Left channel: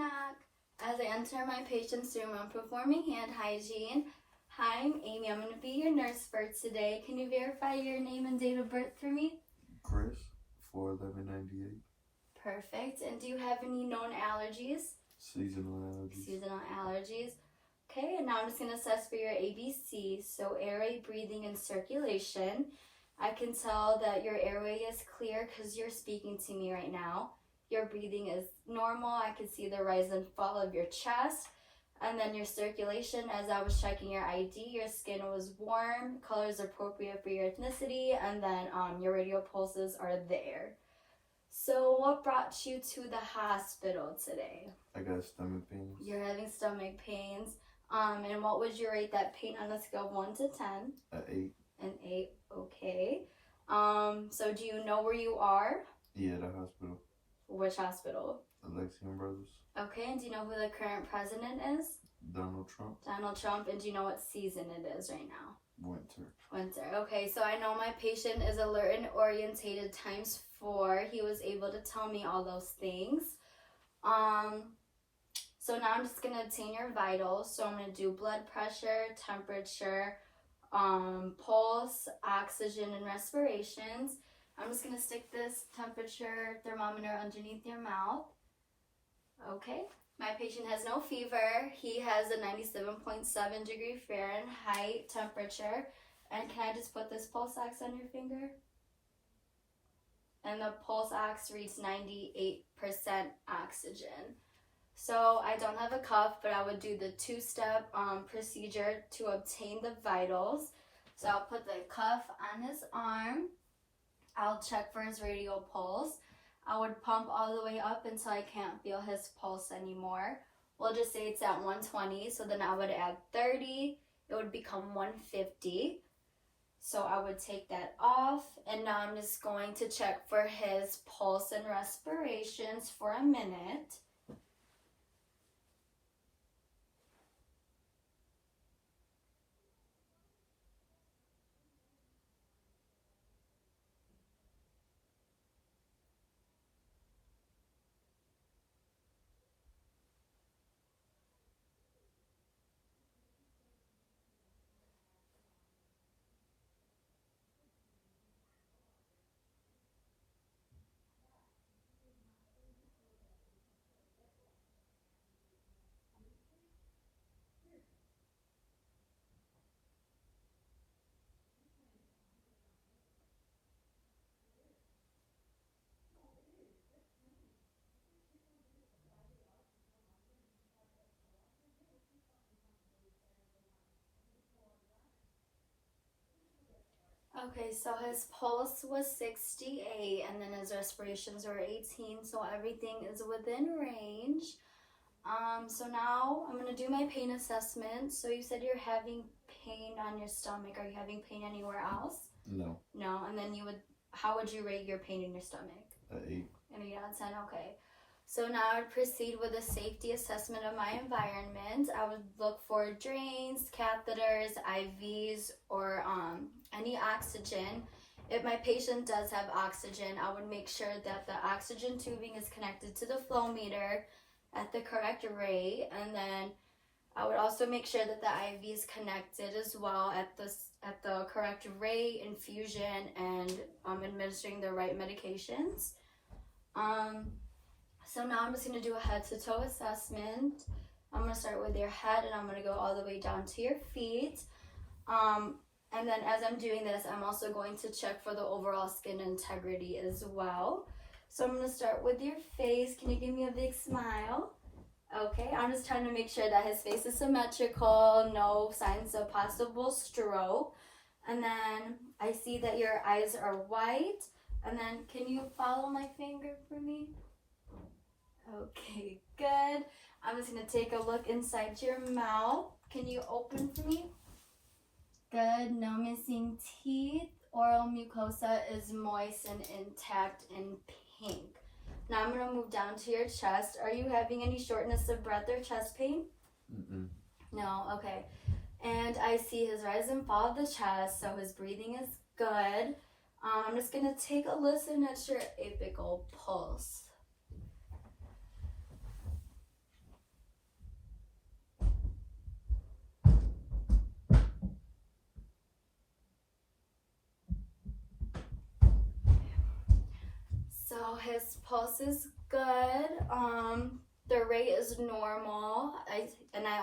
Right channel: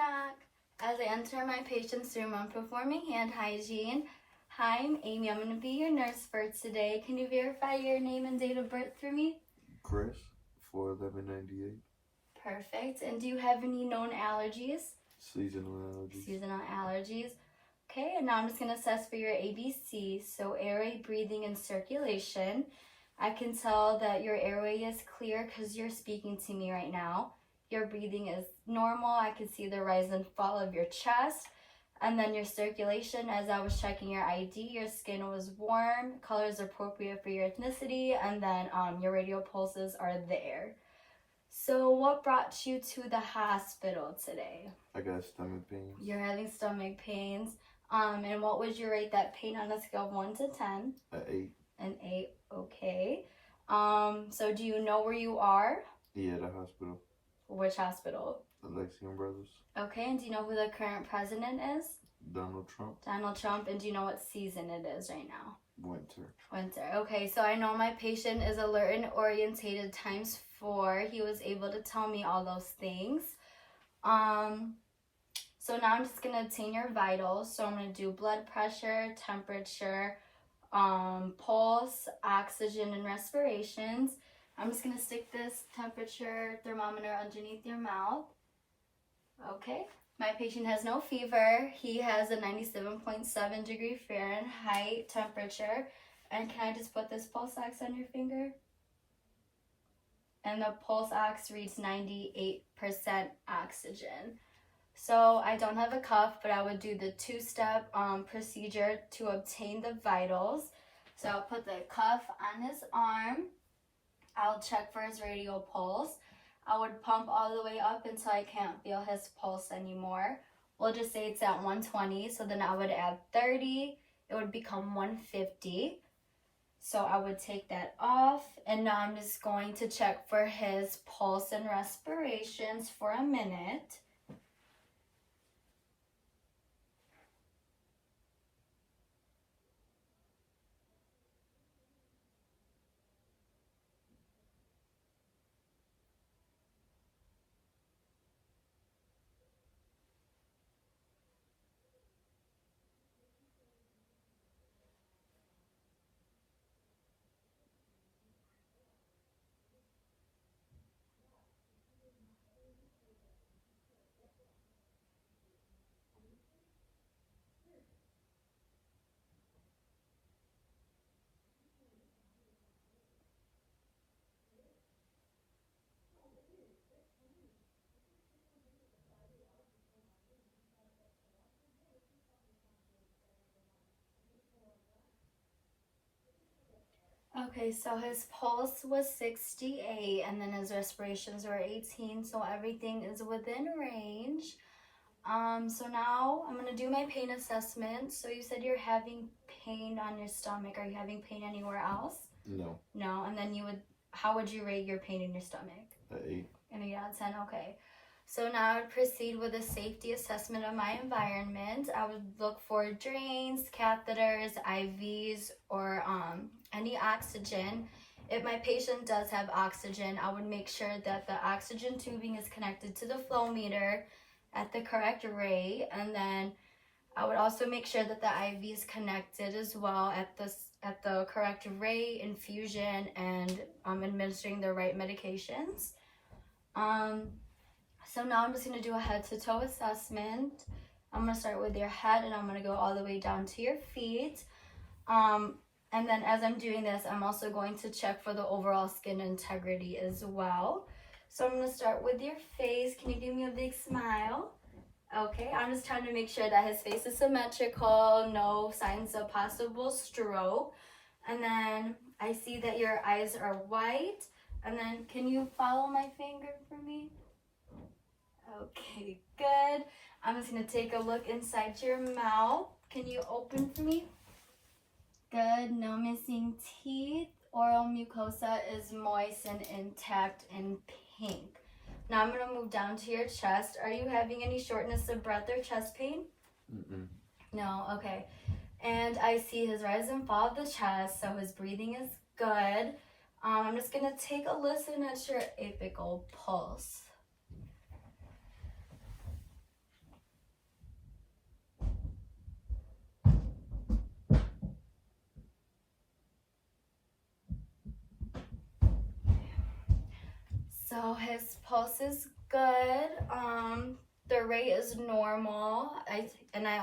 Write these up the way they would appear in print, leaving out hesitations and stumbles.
knock. As I enter my patient's room, I'm performing hand hygiene. Hi, I'm Amy. I'm going to be your nurse for today. Can you verify your name and date of birth for me? Chris, 4/11/98. Perfect. And do you have any known allergies? Seasonal allergies. Seasonal allergies. Okay, and now I'm just going to assess for your ABC, so airway, breathing, and circulation. I can tell that your airway is clear because you're speaking to me right now. Your breathing is normal. I can see the rise and fall of your chest. And then your circulation, as I was checking your ID, your skin was warm, color is appropriate for your ethnicity, and then your radial pulses are there. So what brought you to the hospital today? I got stomach pains. You're having stomach pains. And what would you rate that pain on a scale of 1 to 10? An 8. An 8, okay. So do you know where you are? Yeah, the hospital. Which hospital? Alexian Brothers. Okay, and do you know who the current president is? Donald Trump. Donald Trump, and do you know what season it is right now? Winter. Winter, okay, so I know my patient is alert and orientated times 4. He was able to tell me all those things. So now I'm just going to obtain your vitals. So I'm going to do blood pressure, temperature, pulse, oxygen, and respirations. I'm just going to stick this temperature thermometer underneath your mouth. Okay. My patient has no fever. He has a 97.7 degree Fahrenheit temperature. And can I just put this pulse ox on your finger? And the pulse ox reads 98% oxygen. So I don't have a cuff, but I would do the 2-step procedure to obtain the vitals. So I'll put the cuff on his arm. I'll check for his radial pulse. I would pump all the way up until I can't feel his pulse anymore. We'll just say it's at 120, so then I would add 30. It would become 150. So I would take that off, and now I'm just going to check for his pulse and respirations for a minute. Okay, so his pulse was 68, and then his respirations were 18, so everything is within range. So now I'm going to do my pain assessment. So you said you're having pain on your stomach. Are you having pain anywhere else? No. No, and then how would you rate your pain in your stomach? An 8. An 8 out of 10, okay. So now I would proceed with a safety assessment of my environment. I would look for drains, catheters, IVs, or any oxygen. If my patient does have oxygen, I would make sure that the oxygen tubing is connected to the flow meter at the correct rate, and then I would also make sure that the IV is connected as well at the correct rate, infusion, and administering the right medications. So now I'm just going to do a head-to-toe assessment. I'm going to start with your head, and I'm going to go all the way down to your feet. And then as I'm doing this, I'm also going to check for the overall skin integrity as well. So I'm going to start with your face. Can you give me a big smile? Okay, I'm just trying to make sure that his face is symmetrical, no signs of possible stroke. And then I see that your eyes are white. And then can you follow my finger for me? Okay, good. I'm just going to take a look inside your mouth. Can you open for me? Good, no missing teeth. Oral mucosa is moist and intact and pink. Now I'm going to move down to your chest. Are you having any shortness of breath or chest pain? Mm-mm. No, okay. And I see his rise and fall of the chest, so his breathing is good. I'm just going to take a listen at your apical pulse. So his pulse is good. The rate is normal. I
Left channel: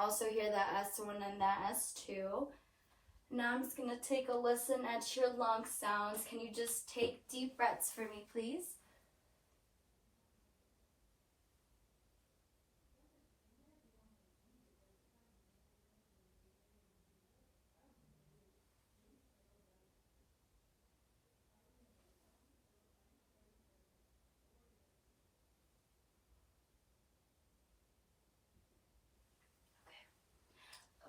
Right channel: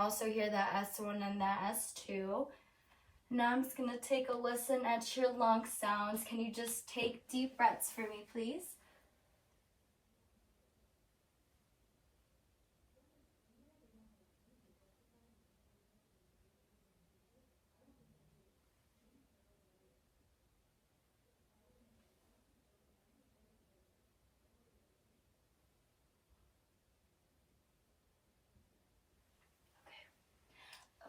also hear that S1 and that S2. Now I'm just gonna take a listen at your lung sounds. Can you just take deep breaths for me, please?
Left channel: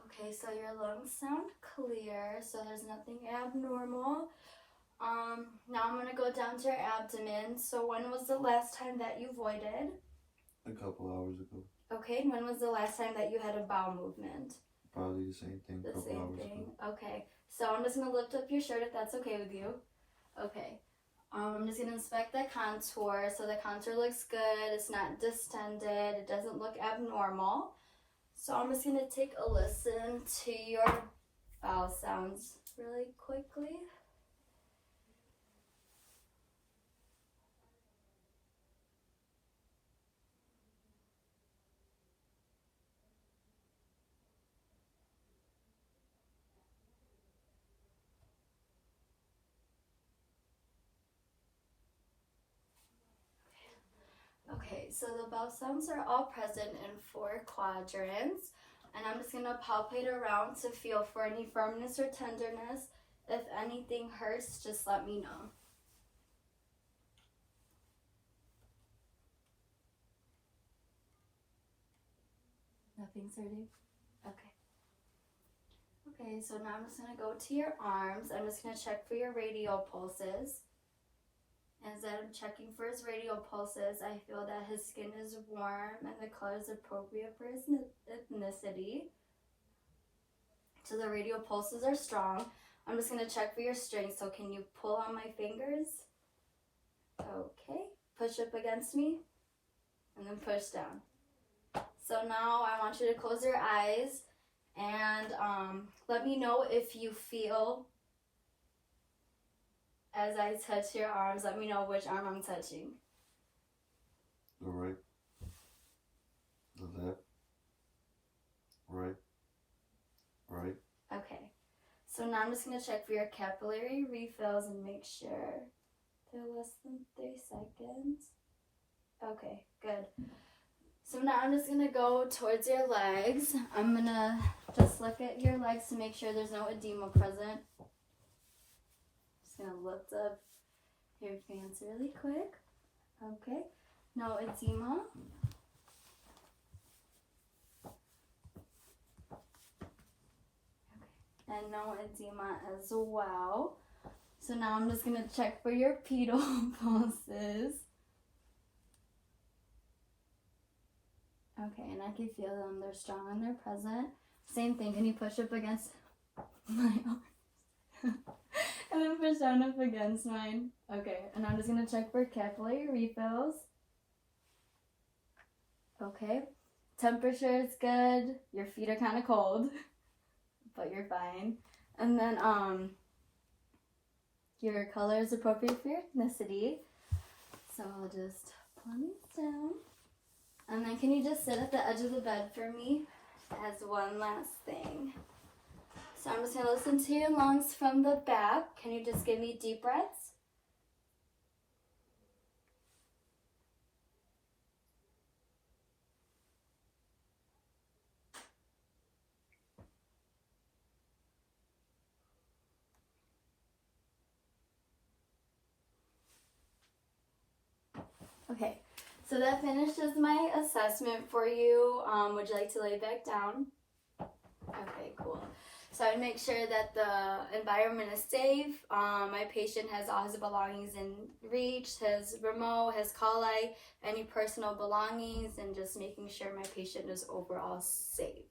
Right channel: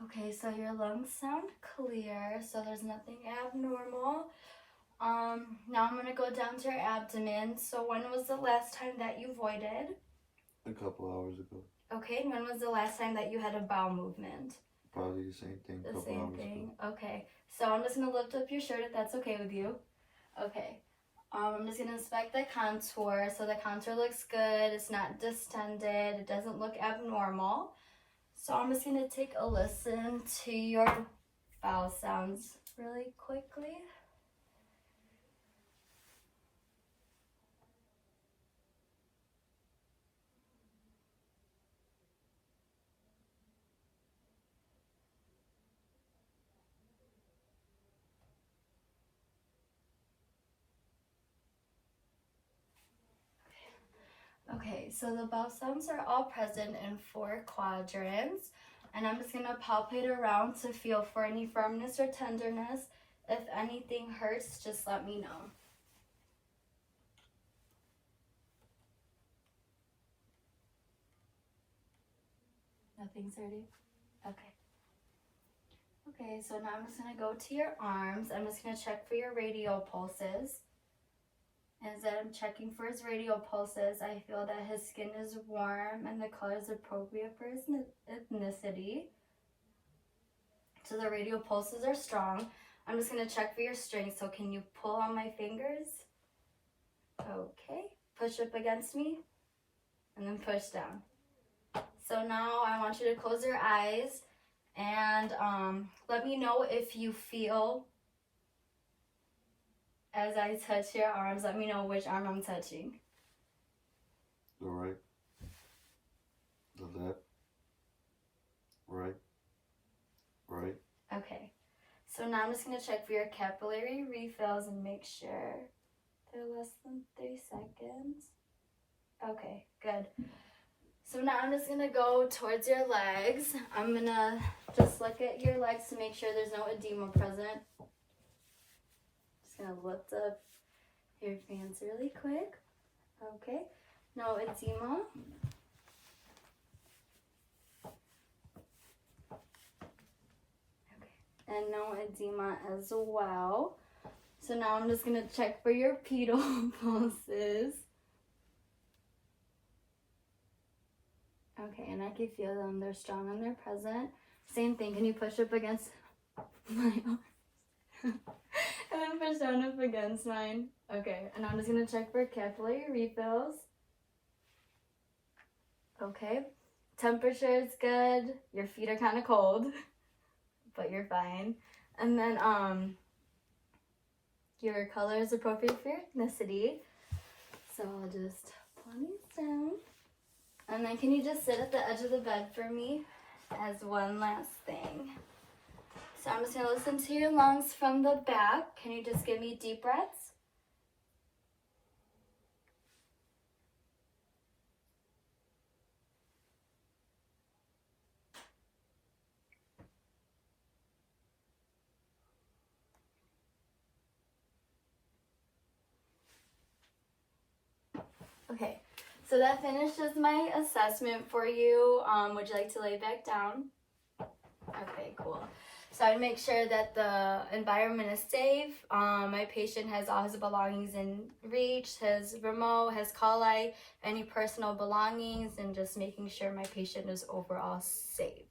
Okay, so your lungs sound clear, so there's nothing abnormal. Now I'm gonna go down to your abdomen. So when was the last time that you voided? A couple hours ago. Okay, and when was the last time that you had a bowel movement? Probably the same thing. The Couple same hours thing. ago. Okay, so I'm just gonna lift up your shirt if that's okay with you. Okay. I'm just gonna inspect the contour. So the contour looks good. It's not distended. It doesn't look abnormal. So I'm just gonna take a listen to your bowel sounds really quickly. Okay, so the bowel sounds are all present in 4 quadrants. And I'm just gonna palpate around to feel for any firmness or tenderness. If anything hurts, just let me know. Nothing's hurting? Okay. Okay, so now I'm just gonna go to your arms. I'm just gonna check for your radial pulses. As I'm checking for his radial pulses, I feel that his skin is warm and the color is appropriate for his ethnicity. So the radial pulses are strong. I'm just gonna check for your strength. So can you pull on my fingers? Okay, push up against me and then push down. So now I want you to close your eyes and let me know if you feel, as I touch your arms, let me know which arm I'm touching. The right. The left. Right. Right. Okay. So now I'm just going to check for your capillary refills and make sure they're less than 3 seconds. Okay, good. So now I'm just going to go towards your legs. I'm going to just look at your legs to make sure there's no edema present. Just going to lift up your hands really quick. Okay, no edema. And no edema as well. So now I'm just going to check for your pedal pulses. Okay, and I can feel them. They're strong and they're present. Same thing. Can you push up against my arm? And then push down up against mine. Okay, and I'm just going to check for capillary refills. Okay, temperature is good. Your feet are kind of cold, but you're fine. And then your color is appropriate for your ethnicity. So I'll just pull these down. And then can you just sit at the edge of the bed for me as one last thing? So I'm just going to listen to your lungs from the back. Can you just give me deep breaths? Okay, so that finishes my assessment for you. Would you like to lay back down? Okay, cool. So I make sure that the environment is safe. My patient has all his belongings in reach, his remote, his call light, any personal belongings, and just making sure my patient is overall safe.